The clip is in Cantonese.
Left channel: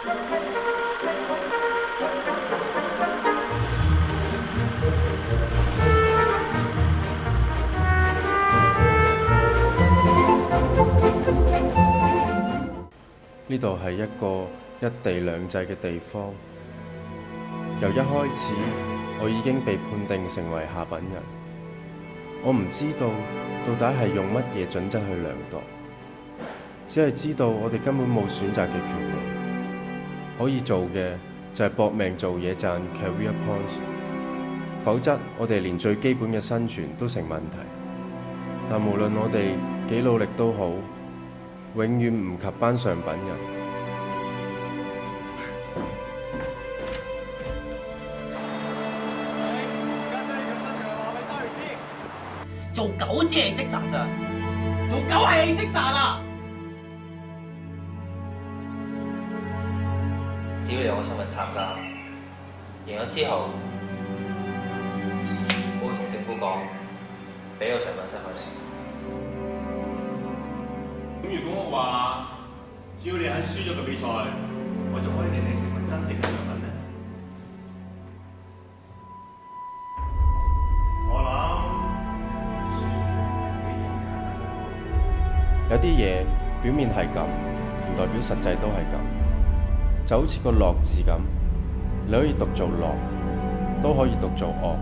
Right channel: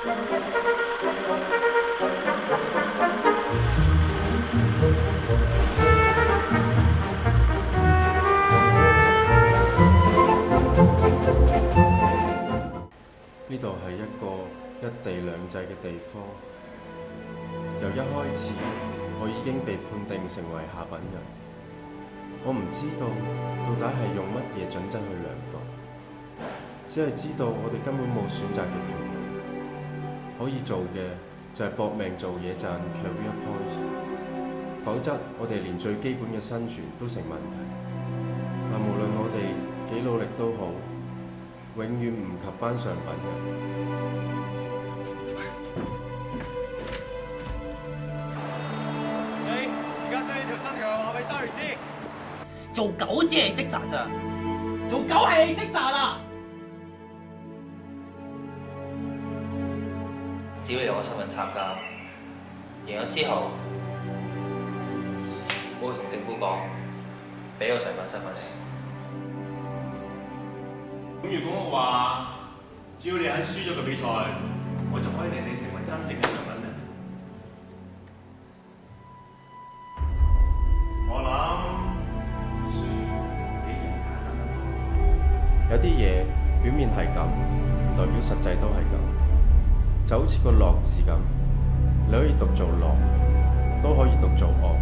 呢度係一個一地兩制嘅地方。由一開始，我已經被判定成為下品人。我唔知道到底係用乜嘢準則去量度，只係知道我哋根本冇選擇嘅權利。可以做嘅就係搏命做嘢賺 career points， 否則我哋連最基本嘅生存都成問題。但無論我哋幾努力都好，永遠唔及班上品人。你而家將呢條新條話俾沙魚知，做狗只係職責咋，做狗係你職責啊！只要有個身份參加，贏咗之後，我會同政府講，俾個上品身份你。咁如果我話，只要你喺輸咗個比賽，我就可以令你成為真正嘅上品呢？我諗輸比贏簡單得多。有啲嘢表面係咁，唔代表實際都係咁。就好似個樂字咁，你可以讀做樂，都可以讀做惡。